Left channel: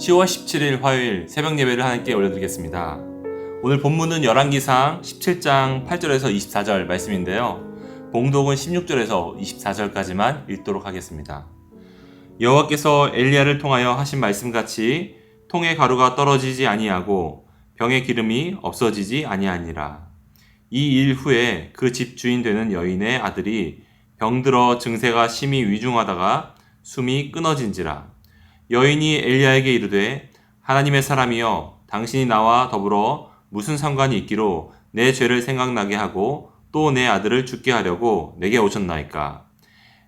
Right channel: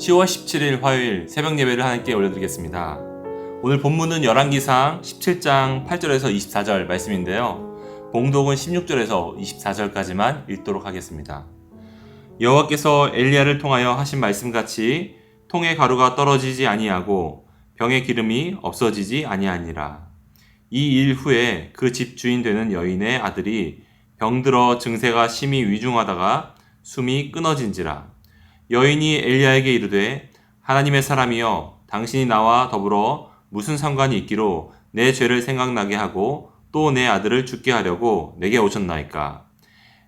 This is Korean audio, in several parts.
10월 17일 화요일 새벽 예배를 하나님께 올려드리겠습니다. 오늘 본문은 열왕기상 17장 8절에서 24절 말씀인데요. 봉독은 16절에서 24절까지만 읽도록 하겠습니다. 여호와께서 엘리야를 통하여 하신 말씀같이 통의 가루가 떨어지지 아니하고 병의 기름이 없어지지 아니하니라. 이 일 후에 그 집 주인 되는 여인의 아들이 병들어 증세가 심히 위중하다가 숨이 끊어진지라. 여인이 엘리야에게 이르되 하나님의 사람이여 당신이 나와 더불어 무슨 상관이 있기로 내 죄를 생각나게 하고 또 내 아들을 죽게 하려고 내게 오셨나이까.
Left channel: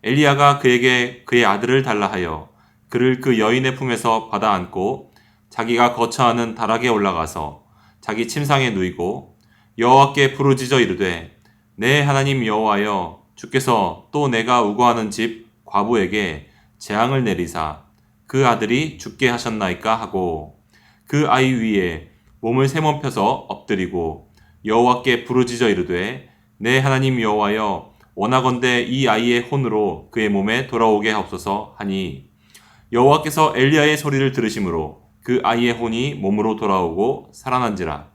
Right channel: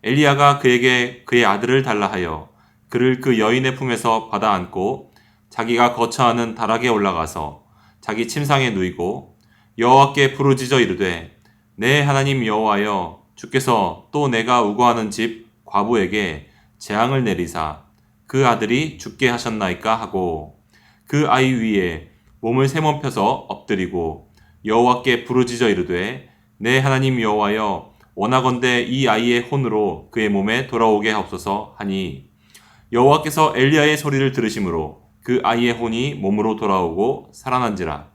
엘리야가 그에게 그의 아들을 달라 하여 그를 그 여인의 품에서 받아 안고 자기가 거처하는 다락에 올라가서 자기 침상에 누이고 여호와께 부르짖어 이르되 내 하나님 여호와여 주께서 또 내가 우거하는 집 과부에게 재앙을 내리사 그 아들이 죽게 하셨나이까 하고 그 아이 위에 몸을 세번 펴서 엎드리고 여호와께 부르짖어 이르되 내 하나님 여호와여 원하건대 이 아이의 혼으로 그의 몸에 돌아오게 하옵소서 하니 여호와께서 엘리야의 소리를 들으심으로 그 아이의 혼이 몸으로 돌아오고 살아난지라.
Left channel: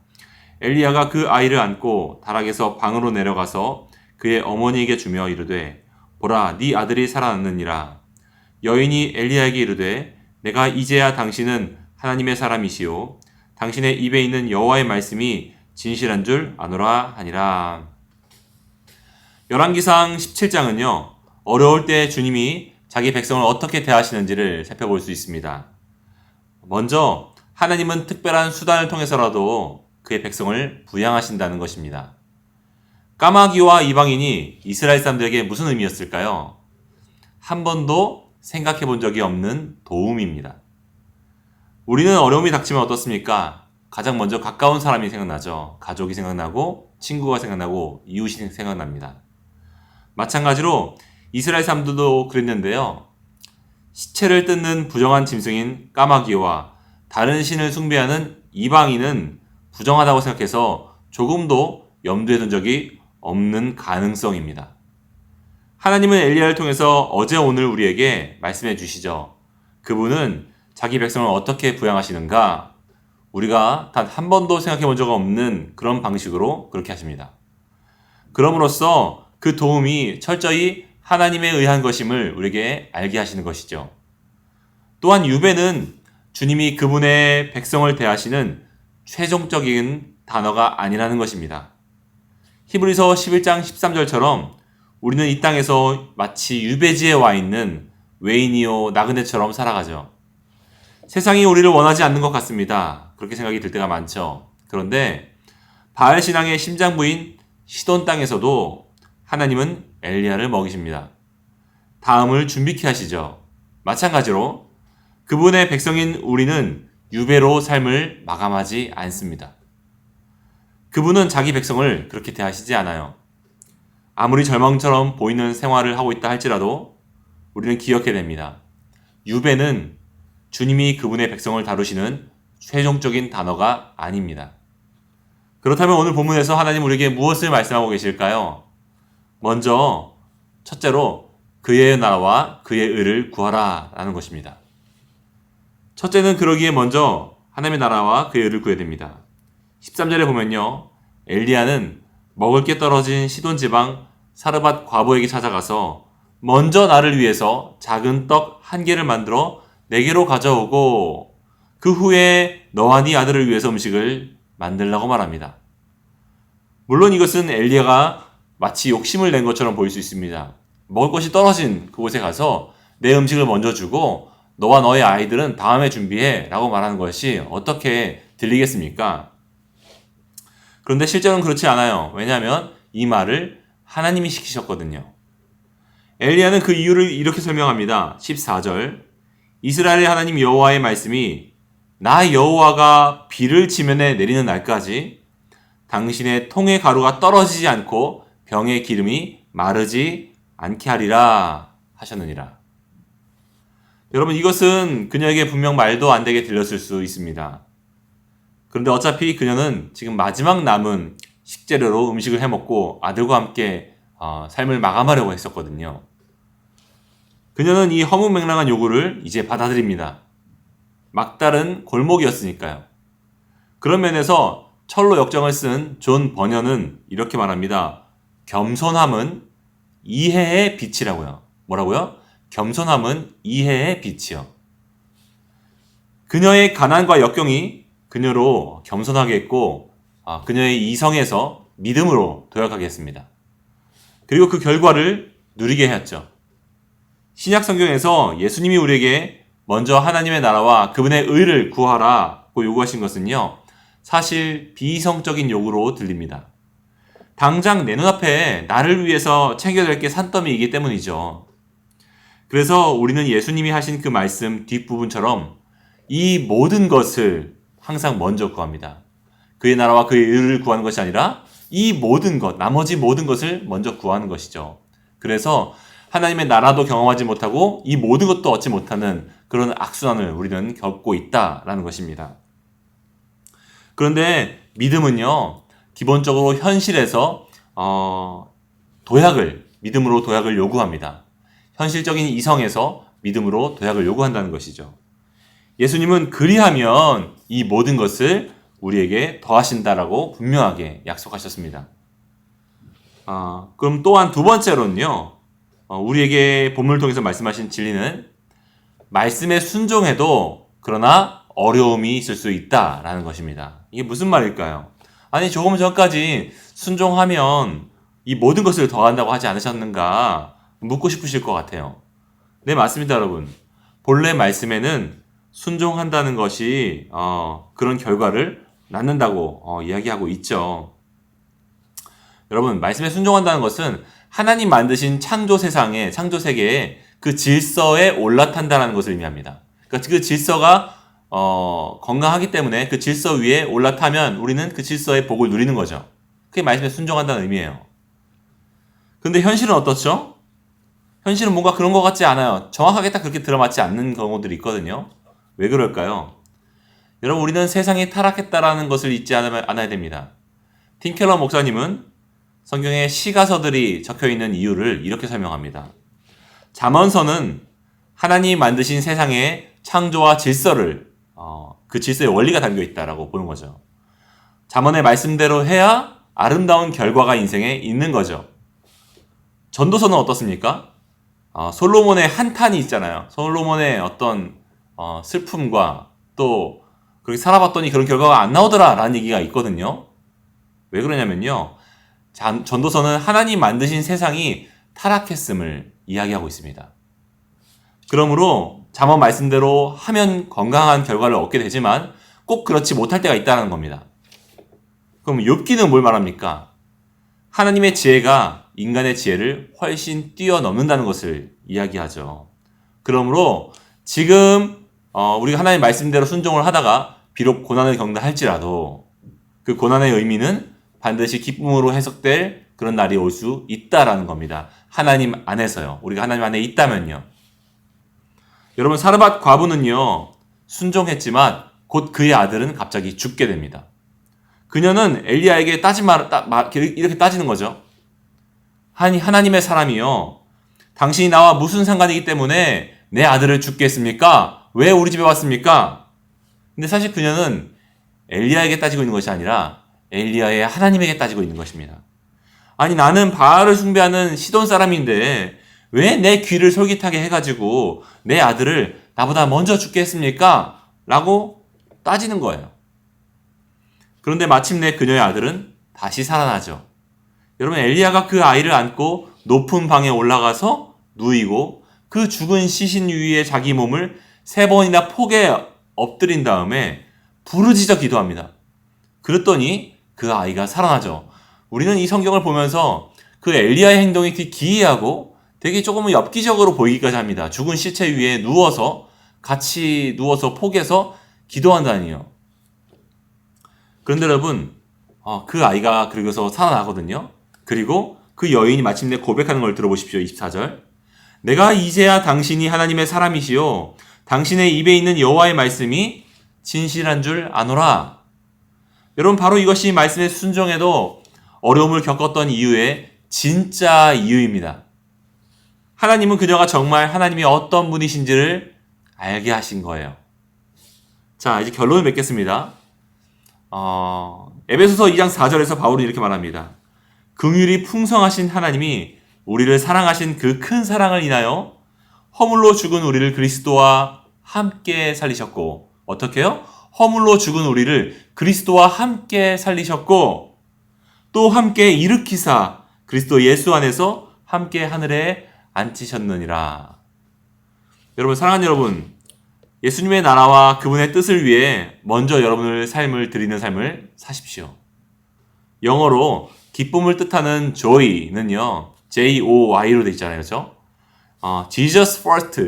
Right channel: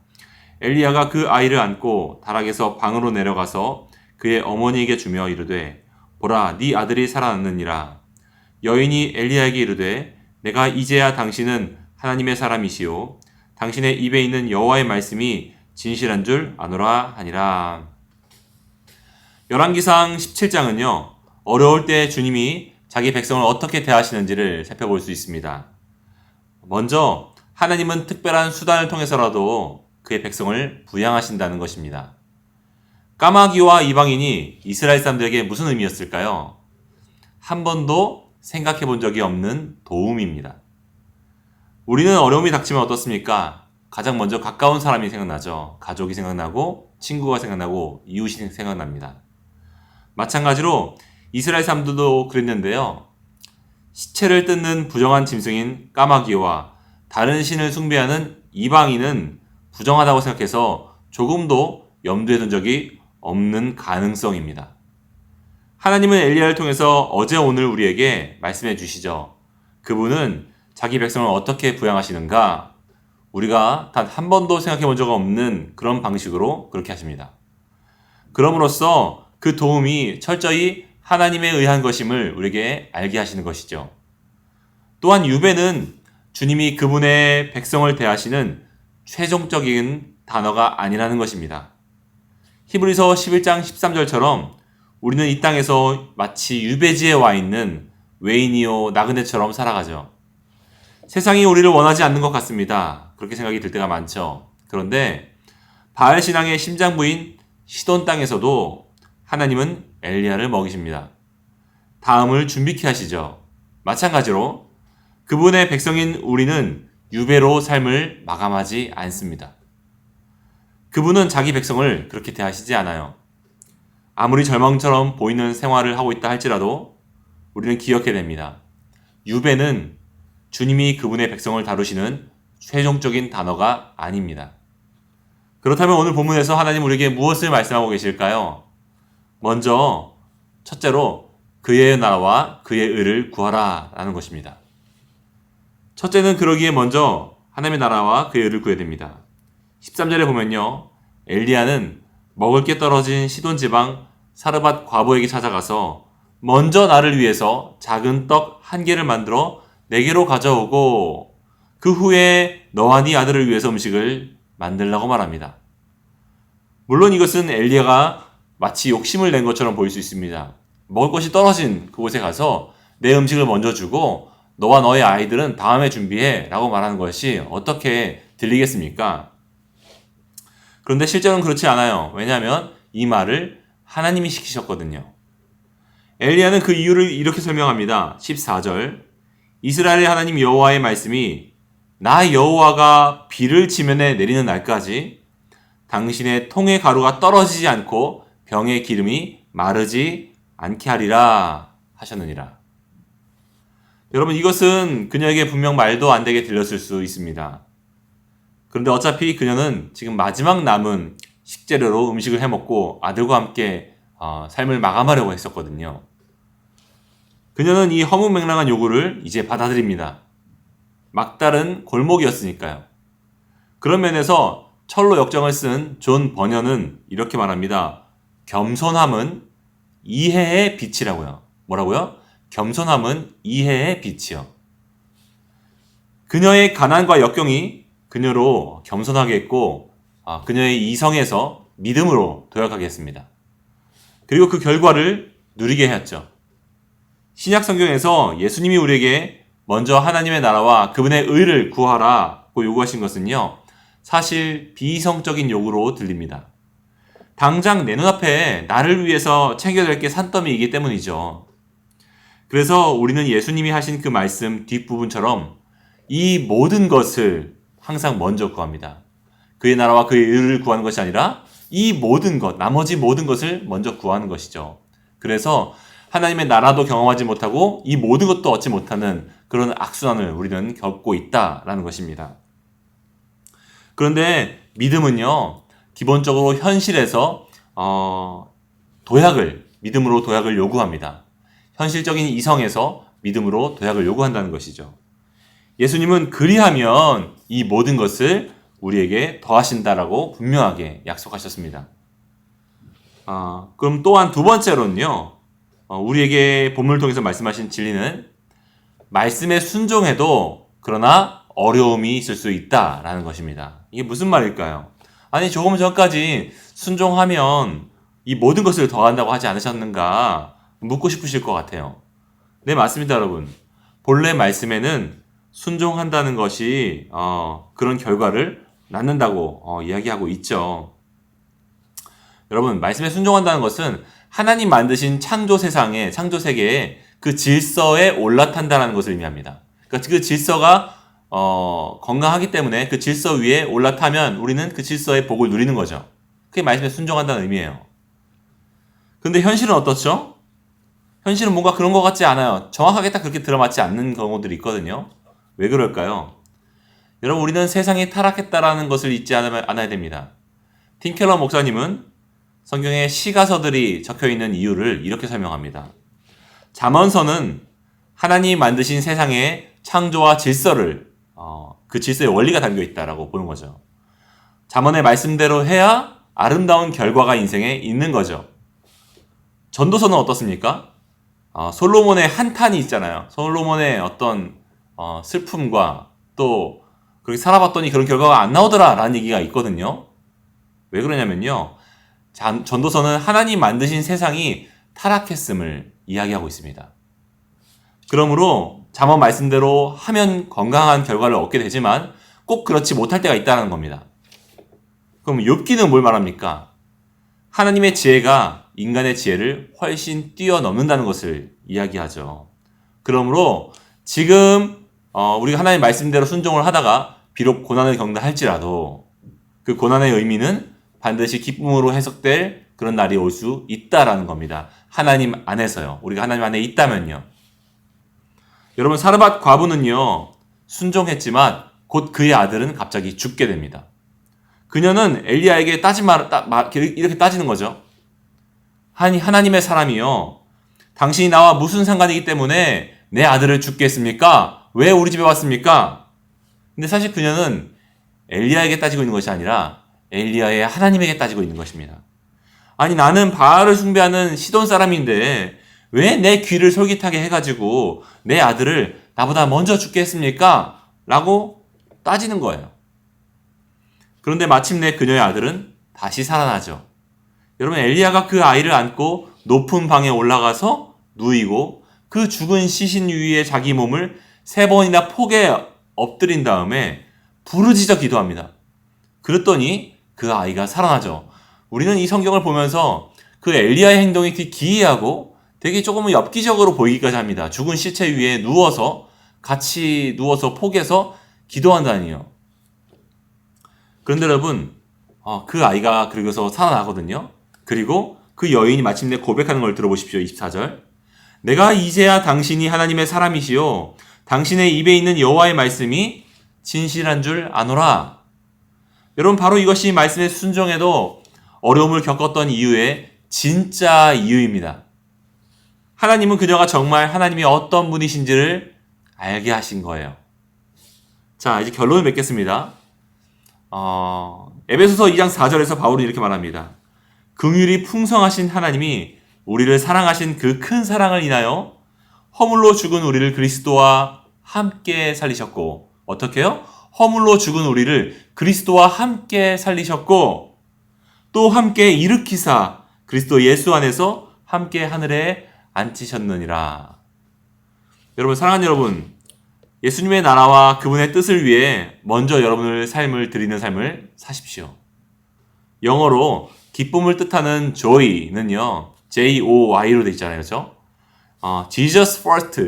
엘리야가 그 아이를 안고 다락에서 방으로 내려가서 그의 어머니에게 주며 이르되 보라 네 아들이 살아났느니라. 여인이 엘리야에게 이르되 내가 이제야 당신은 하나님의 사람이시오 당신의 입에 있는 여호와의 말씀이 진실한 줄 아노라 하니라. 열왕기상 17장은요. 어려울 때 주님이 자기 백성을 어떻게 대하시는지를 살펴볼 수 있습니다. 먼저 하나님은 특별한 수단을 통해서라도 그의 백성을 부양하신다는 것입니다. 까마귀와 이방인이 이스라엘 사람들에게 무슨 의미였을까요? 한 번도 생각해 본 적이 없는 도움입니다. 우리는 어려움이 닥치면 어떻습니까? 가장 먼저 가까운 사람이 생각나죠. 가족이 생각나고 친구가 생각나고 이웃이 생각납니다. 마찬가지로 이스라엘 사람들도 그랬는데요. 시체를 뜯는 부정한 짐승인 까마귀와 다른 신을 숭배하는 이방인은 부정하다고 생각해서 조금도 염두에 둔 적이 없는 가능성입니다. 하나님은 엘리야를 통해서 어제 오늘 우리에게 말씀해 주시죠. 그분은 자기 백성을 어떻게 부양하시는가? 우리가 단 한 번도 생각해 본 적 없는 그런 방식으로 그렇게 하십니다. 그럼으로써 그 도움이 철저히 하나님에 의한 것임을 우리에게 알게 하시는 것이죠. 또한 유배는 주님이 그분의 백성을 대하시는 최종적인 단어가 아니라는 것입니다. 히브리서 11장 13절처럼 우리는 이 땅에서 마치 유배지에 와 있는 외인이요 나그네처럼 살아가죠. 세상이 우리를 원하지 않는 것 같습니다. 그렇게 생각이 들 때가 많죠. 그런데 바알 신앙의 심장부인 시돈 땅에서도 하나님은 엘리야를 먹이십니다. 다음을 준비케 하시죠. 마찬가지로 그분의 백성인 우리는 유배로 삶을 마감하지 않습니다. 그분은 자기 백성을 그렇게 대하시지 않아요. 아무리 절망처럼 보이는 생활을 하고 있다 할지라도 우리는 기억해야 됩니다. 유배는 주님이 그분의 백성을 다루시는 최종적인 단어가 아닙니다. 그렇다면 오늘 본문에서 하나님 우리에게 무엇을 말씀하고 계실까요? 먼저 첫째로 그의 나라와 그의 의를 구하라 라는 것입니다. 첫째는 그러기에 먼저 하나님의 나라와 그의 의를 구해야 됩니다. 13절에 보면요. 엘리야는 먹을 게 떨어진 시돈 지방 사르밧 과부에게 찾아가서 먼저 나를 위해서 작은 떡 한 개를 만들어 내게로 가져오고 그 후에 너와 네 아들을 위해서 음식을 만들라고 말합니다. 물론 이것은 엘리야가 마치 욕심을 낸 것처럼 보일 수 있습니다. 먹을 것이 떨어진 그곳에 가서 내 음식을 먼저 주고 너와 너의 아이들은 다음에 준비해 라고 말하는 것이 어떻게 들리겠습니까? 그런데 실제로는 그렇지 않아요. 왜냐하면 이 말을 하나님이 시키셨거든요. 엘리야는 그 이유를 이렇게 설명합니다. 14절 이스라엘의 하나님 여호와의 말씀이 나 여호와가 비를 지면에 내리는 날까지 당신의 통의 가루가 떨어지지 않고 병의 기름이 마르지 않게 하리라 하셨느니라. 여러분 이것은 그녀에게 분명 말도 안 되게 들렸을 수 있습니다. 그런데 어차피 그녀는 지금 마지막 남은 식재료로 음식을 해먹고 아들과 함께 삶을 마감하려고 했었거든요. 그녀는 이 허무맹랑한 요구를 이제 받아들입니다. 막다른 골목이었으니까요. 그런 면에서 철로 역정을 쓴 존 버녀는 이렇게 말합니다. 겸손함은 이해의 빛이라고요. 뭐라고요? 겸손함은 이해의 빛이요. 그녀의 가난과 역경이 그녀로 겸손하게 했고 그녀의 이성에서 믿음으로 도약하게 했습니다. 그리고 그 결과를 누리게 했죠. 신약 성경에서 예수님이 우리에게 먼저 하나님의 나라와 그분의 의를 구하라고 요구하신 것은요. 사실 비이성적인 요구로 들립니다. 당장 내 눈앞에 나를 위해서 챙겨야 될 게 산더미이기 때문이죠. 그래서 우리는 예수님이 하신 그 말씀 뒷부분처럼 이 모든 것을 항상 먼저 구합니다. 그의 나라와 그의 의를 구하는 것이 아니라 이 모든 것, 나머지 모든 것을 먼저 구하는 것이죠. 그래서 하나님의 나라도 경험하지 못하고 이 모든 것도 얻지 못하는 그런 악순환을 우리는 겪고 있다라는 것입니다. 그런데 믿음은요, 기본적으로 현실에서 믿음으로 도약을 요구합니다. 현실적인 이성에서 믿음으로 도약을 요구한다는 것이죠. 예수님은 그리하면 이 모든 것을 우리에게 더하신다라고 분명하게 약속하셨습니다. 그럼 또한 두 번째로는요, 우리에게 본문을 통해서 말씀하신 진리는 말씀에 순종해도 그러나 어려움이 있을 수 있다라는 것입니다. 이게 무슨 말일까요? 아니 조금 전까지 순종하면 이 모든 것을 더한다고 하지 않으셨는가 묻고 싶으실 것 같아요. 네, 맞습니다, 여러분. 본래 말씀에는 순종한다는 것이 그런 결과를 낳는다고 이야기하고 있죠. 여러분, 말씀에 순종한다는 것은 하나님 만드신 창조 세상에, 창조 세계에 그 질서에 올라탄다는 것을 의미합니다. 그러니까 그 질서가 건강하기 때문에 그 질서 위에 올라타면 우리는 그 질서의 복을 누리는 거죠. 그게 말씀에 순종한다는 의미예요. 근데 현실은 어떻죠? 현실은 뭔가 그런 것 같지 않아요. 정확하게 딱 그렇게 들어맞지 않는 경우들이 있거든요. 왜 그럴까요? 여러분, 우리는 세상이 타락했다라는 것을 잊지 않아야 됩니다. 팀켈러 목사님은 성경에 시가서들이 적혀있는 이유를 이렇게 설명합니다. 잠언서는 하나님이 만드신 세상의 창조와 질서를 그 질서의 원리가 담겨있다라고 보는 거죠. 잠언의 말씀대로 해야 아름다운 결과가 인생에 있는 거죠. 전도서는 어떻습니까? 솔로몬의 한탄이 있잖아요. 솔로몬의 어떤 슬픔과 또 그렇게 살아봤더니 그런 결과가 안 나오더라 라는 얘기가 있거든요. 왜 그러냐면요. 전도서는 하나님 만드신 세상이 타락했음을 이야기하고 있습니다. 그러므로 잠언 말씀대로 하면 건강한 결과를 얻게 되지만 꼭 그렇지 못할 때가 있다는 겁니다. 그럼 욥기는 뭘 말합니까? 하나님의 지혜가 인간의 지혜를 훨씬 뛰어넘는다는 것을 이야기하죠. 그러므로 지금 우리가 하나님의 말씀대로 순종을 하다가 비록 고난을 겪는다 할지라도 그 고난의 의미는 반드시 기쁨으로 해석될 그런 날이 올 수 있다라는 겁니다. 하나님 안에서요. 우리가 하나님 안에 있다면요. 여러분, 사르밧 과부는요, 순종했지만 곧 그의 아들은 갑자기 죽게 됩니다. 그녀는 엘리야에게 이렇게 따지는 거죠. 아니, 하나님의 사람이요. 당신이 나와 무슨 상관이기 때문에 내 아들을 죽게 했습니까? 왜 우리 집에 왔습니까? 근데 사실 그녀는 엘리야에게 따지고 있는 것이 아니라 엘리야의 하나님에게 따지고 있는 것입니다. 아니, 나는 바알을 숭배하는 시돈 사람인데 왜 내 귀를 솔깃하게 해가지고 내 아들을 나보다 먼저 죽게 했습니까? 라고 따지는 거예요. 그런데 마침내 그녀의 아들은 다시 살아나죠. 여러분, 엘리야가 그 아이를 안고 높은 방에 올라가서 누이고 그 죽은 시신 위에 자기 몸을 3번이나 폭에 엎드린 다음에 부르짖어 기도합니다. 그랬더니 그 아이가 살아나죠. 우리는 이 성경을 보면서 그 엘리야의 행동이 되게 기이하고 되게 조금은 엽기적으로 보이기까지 합니다. 죽은 시체 위에 같이 누워서 폭에서 기도한다니요. 그런데 여러분, 그 아이가 그러고서 살아나거든요. 그리고 그 여인이 마침내 고백하는 걸 들어보십시오. 24절. 내가 이제야 당신이 하나님의 사람이시요 당신의 입에 있는 여호와의 말씀이 진실한 줄 아노라. 여러분, 바로 이것이 말씀에 순종해도 어려움을 겪었던 이유의 진짜 이유입니다. 하나님은 그녀가 정말 하나님이 어떤 분이신지를 알게 하신 거예요. 자, 이제 결론을 맺겠습니다. 에베소서 2장 4절에서 바울은 이렇게 말합니다. 긍휼이 풍성하신 하나님이 우리를 사랑하신 그 큰 사랑을 인하여 허물로 죽은 우리를 그리스도와 함께 살리셨고, 어떻게요? 허물로 죽은 우리를 그리스도와 함께 살리셨고, 또 함께 일으키사 그리스도 예수 안에서 함께 하늘에 앉히셨느니라. 여러분, 사랑하는 여러분, 예수님의 나라와 그분의 뜻을 위해 먼저 여러분의 삶을 드리는 삶을 사십시오. 영어로 기쁨을 뜻하는 joy는요, J-O-Y로 되어 있잖아요. 그렇죠? Jesus first,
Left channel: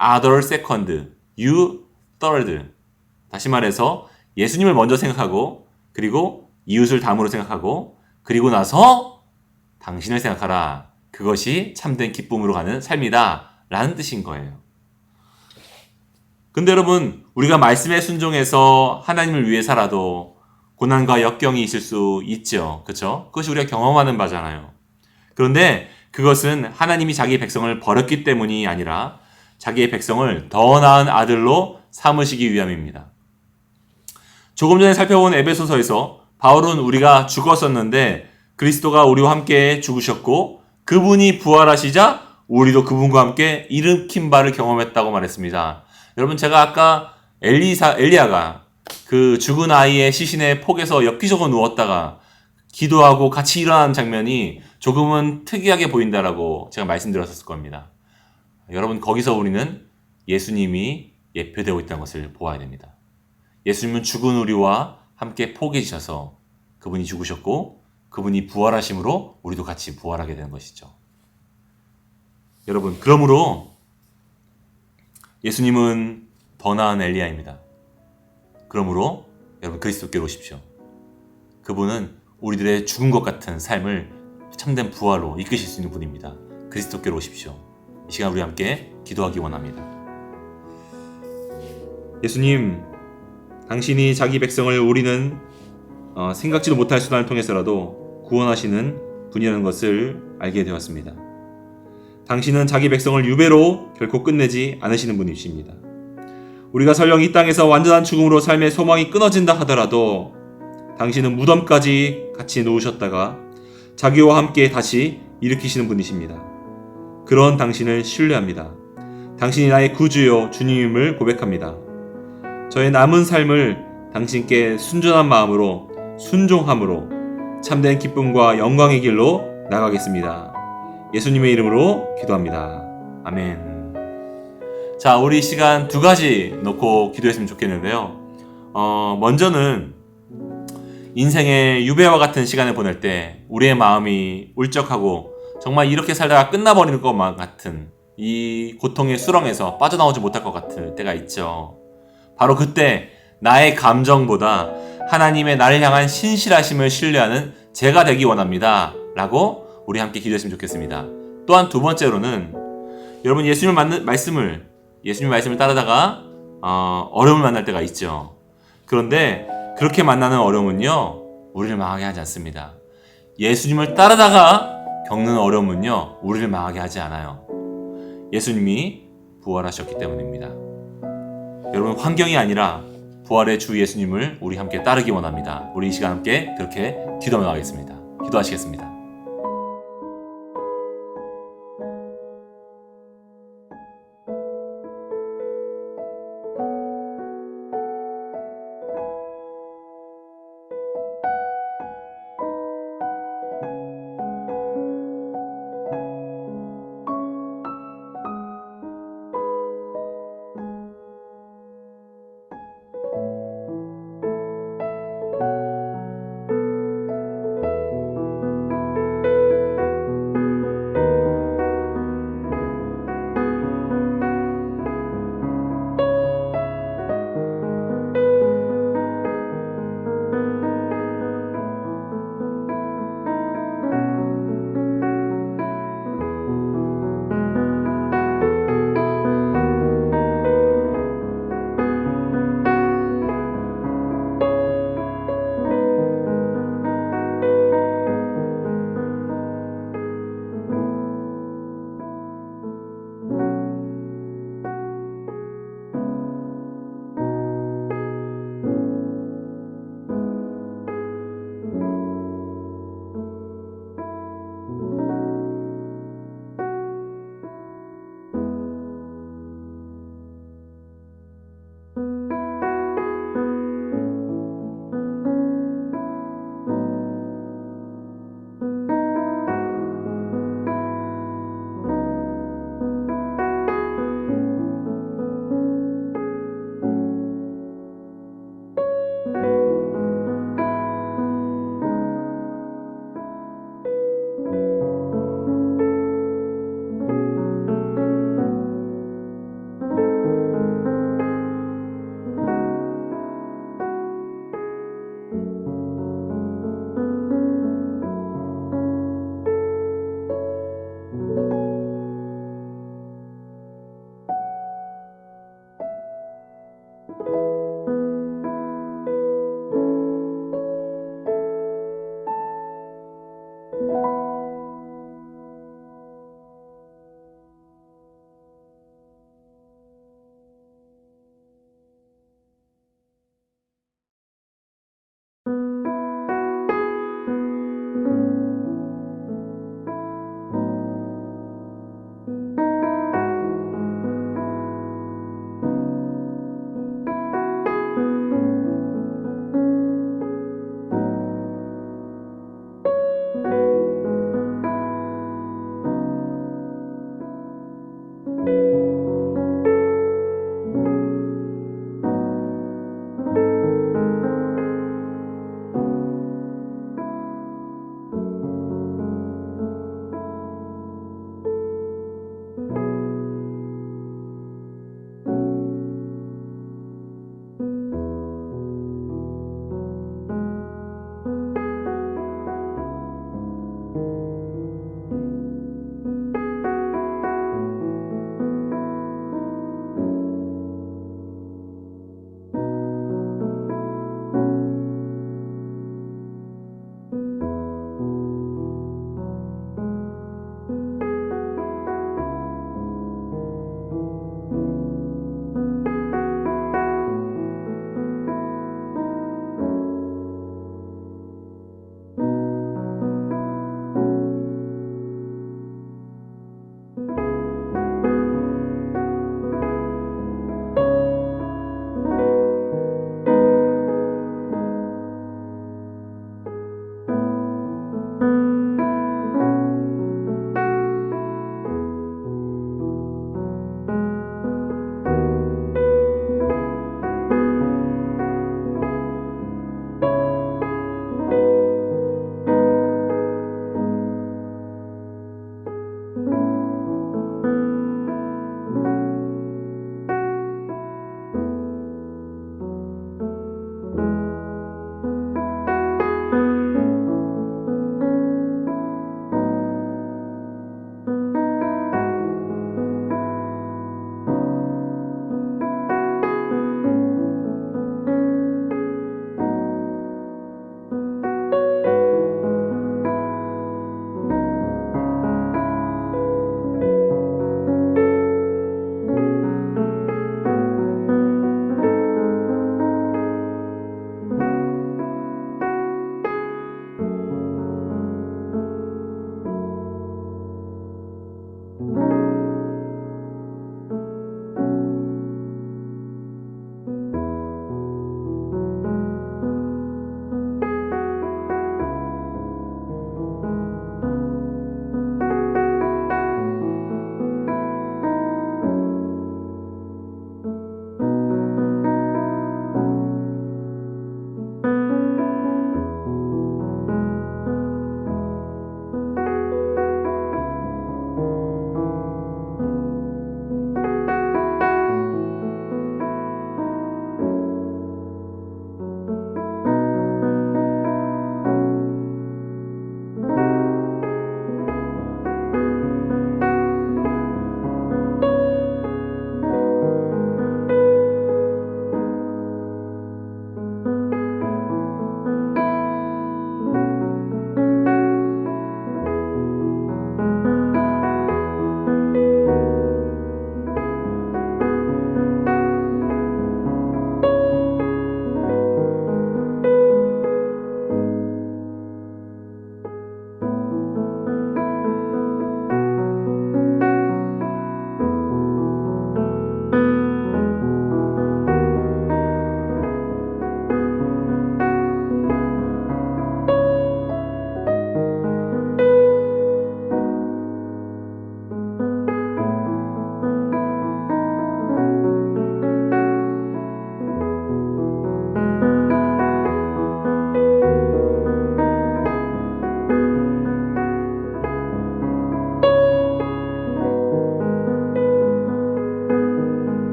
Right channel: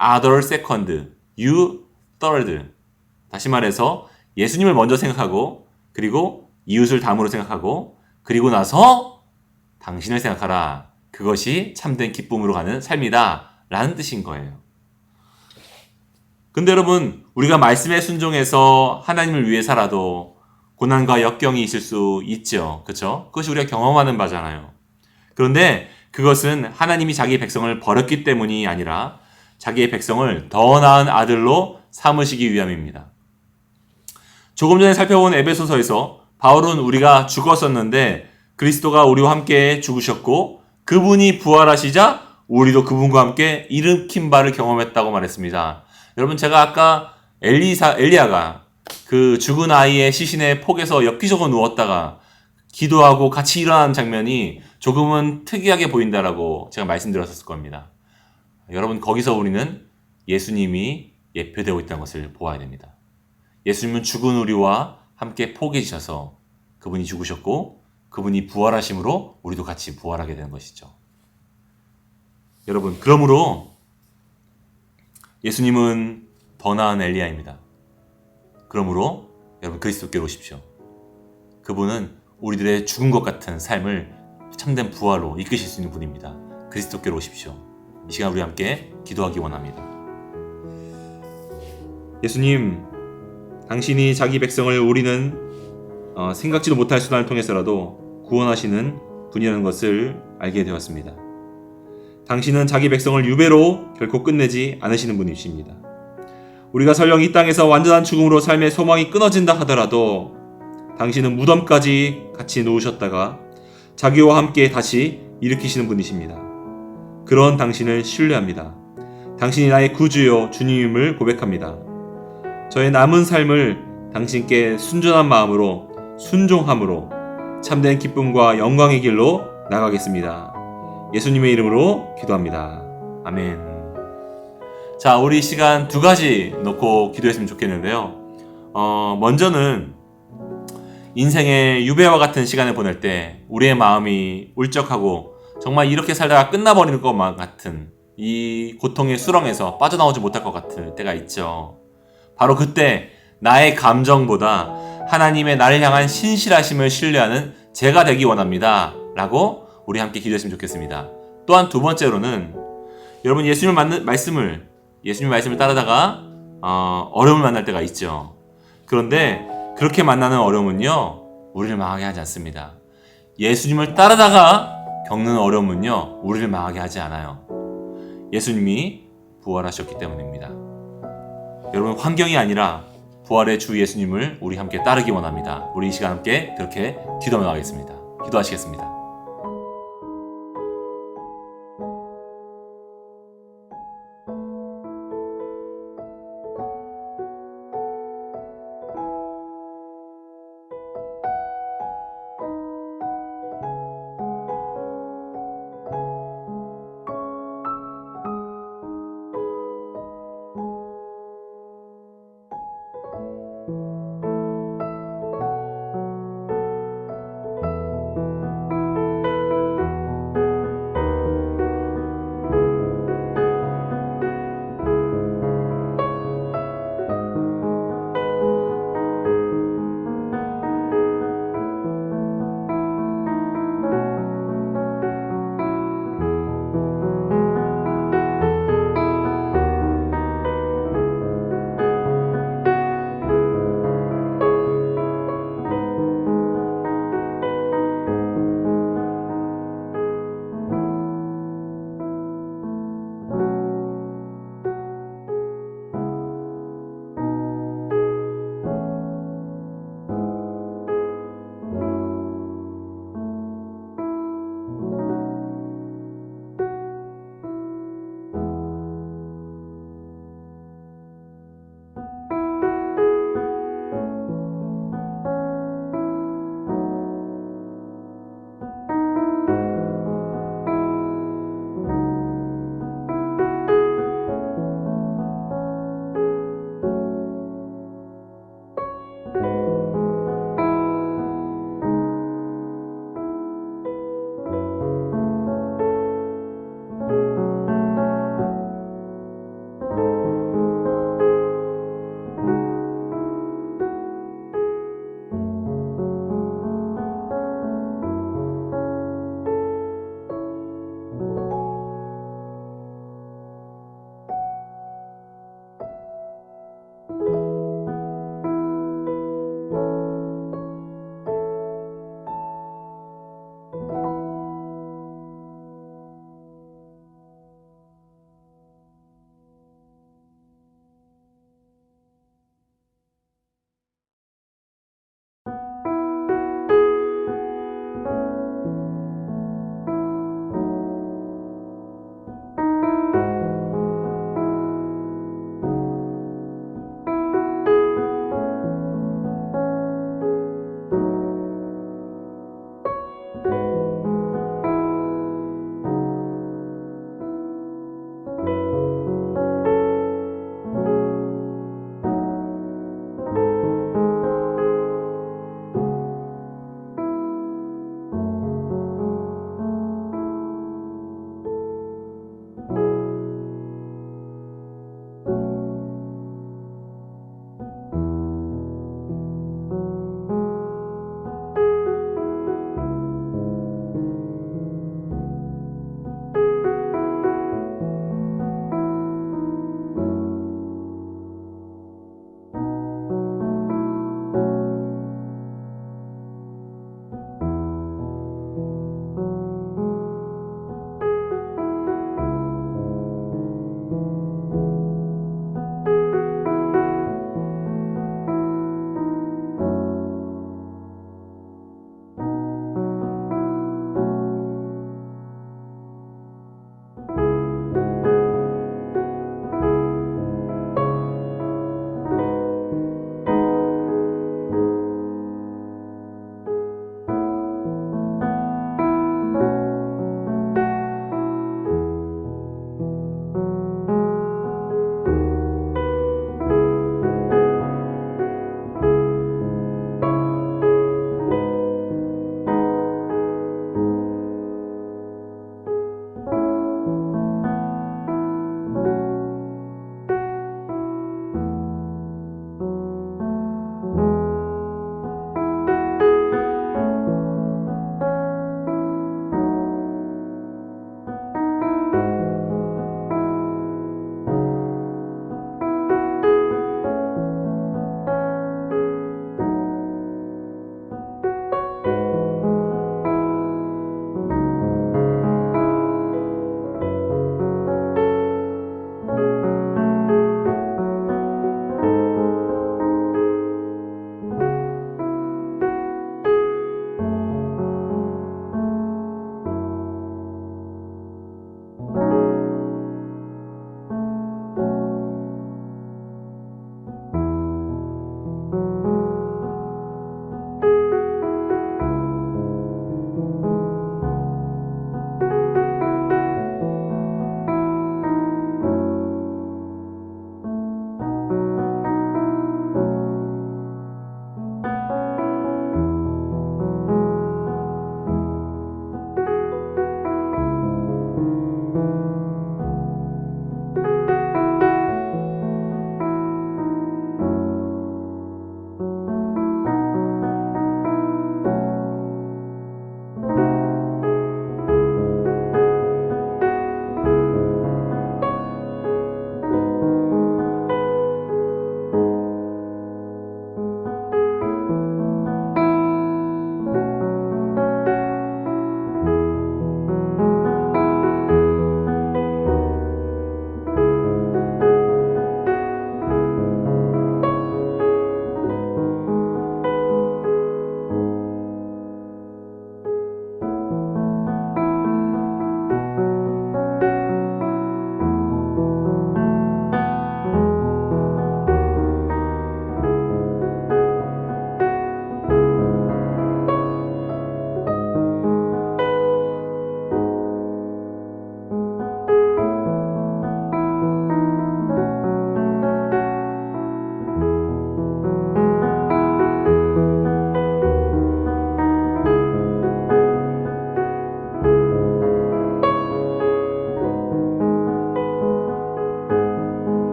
other second, you third. 다시 말해서 예수님을 먼저 생각하고, 그리고 이웃을 다음으로 생각하고, 그리고 나서 당신을 생각하라. 그것이 참된 기쁨으로 가는 삶이다 라는 뜻인 거예요. 근데 여러분, 우리가 말씀에 순종해서 하나님을 위해 살아도 고난과 역경이 있을 수 있죠. 그렇죠? 그것이 우리가 경험하는 바잖아요. 그런데 그것은 하나님이 자기의 백성을 버렸기 때문이 아니라 자기의 백성을 더 나은 아들로 삼으시기 위함입니다. 조금 전에 살펴본 에베소서에서 바울은 우리가 죽었었는데 그리스도가 우리와 함께 죽으셨고 그분이 부활하시자 우리도 그분과 함께 일으킨 바를 경험했다고 말했습니다. 여러분, 제가 아까 엘리야가 그 죽은 아이의 시신의 폭에서 엽기적으로 누웠다가 기도하고 같이 일어나는 장면이 조금은 특이하게 보인다라고 제가 말씀드렸었을 겁니다. 여러분, 거기서 우리는 예수님이 예표되고 있다는 것을 보아야 됩니다. 예수님은 죽은 우리와 함께 포개해 주셔서 그분이 죽으셨고 그분이 부활하심으로 우리도 같이 부활하게 되는 것이죠. 여러분, 그러므로 예수님은 더 나은 엘리야입니다. 그러므로 여러분, 그리스도께로 오십시오. 그분은 우리들의 죽은 것 같은 삶을 참된 부활로 이끄실 수 있는 분입니다. 그리스도께로 오십시오. 이 시간 우리 함께 기도하기 원합니다. 예수님, 당신이 자기 백성을 우리는 생각지도 못할 수단을 통해서라도 구원하시는 분이라는 것을 알게 되었습니다. 당신은 자기 백성을 유배로 결코 끝내지 않으시는 분이십니다. 우리가 설령 이 땅에서 완전한 죽음으로 삶의 소망이 끊어진다 하더라도 당신은 무덤까지 같이 놓으셨다가 자기와 함께 다시 일으키시는 분이십니다. 그런 당신을 신뢰합니다. 당신이 나의 구주요 주님임을 고백합니다. 저의 남은 삶을 당신께 순전한 마음으로 순종함으로 참된 기쁨과 영광의 길로 나가겠습니다. 예수님의 이름으로 기도합니다. 아멘. 자, 우리 시간 두 가지 놓고 기도했으면 좋겠는데요. 먼저는 인생의 유배와 같은 시간을 보낼 때 우리의 마음이 울적하고 정말 이렇게 살다가 끝나버리는 것만 같은 이 고통의 수렁에서 빠져나오지 못할 것 같을 때가 있죠. 바로 그때 나의 감정보다 하나님의 나를 향한 신실하심을 신뢰하는 제가 되기 원합니다 라고 우리 함께 기도했으면 좋겠습니다. 또한 두 번째로는 여러분, 예수님의 말씀을 따르다가 어려움을 만날 때가 있죠. 그런데 그렇게 만나는 어려움은요, 우리를 망하게 하지 않습니다. 예수님을 따르다가 겪는 어려움은요, 우리를 망하게 하지 않아요. 예수님이 부활하셨기 때문입니다. 여러분, 환경이 아니라 부활의 주 예수님을 우리 함께 따르기 원합니다. 우리 이 시간 함께 그렇게 기도하겠습니다. 기도하시겠습니다.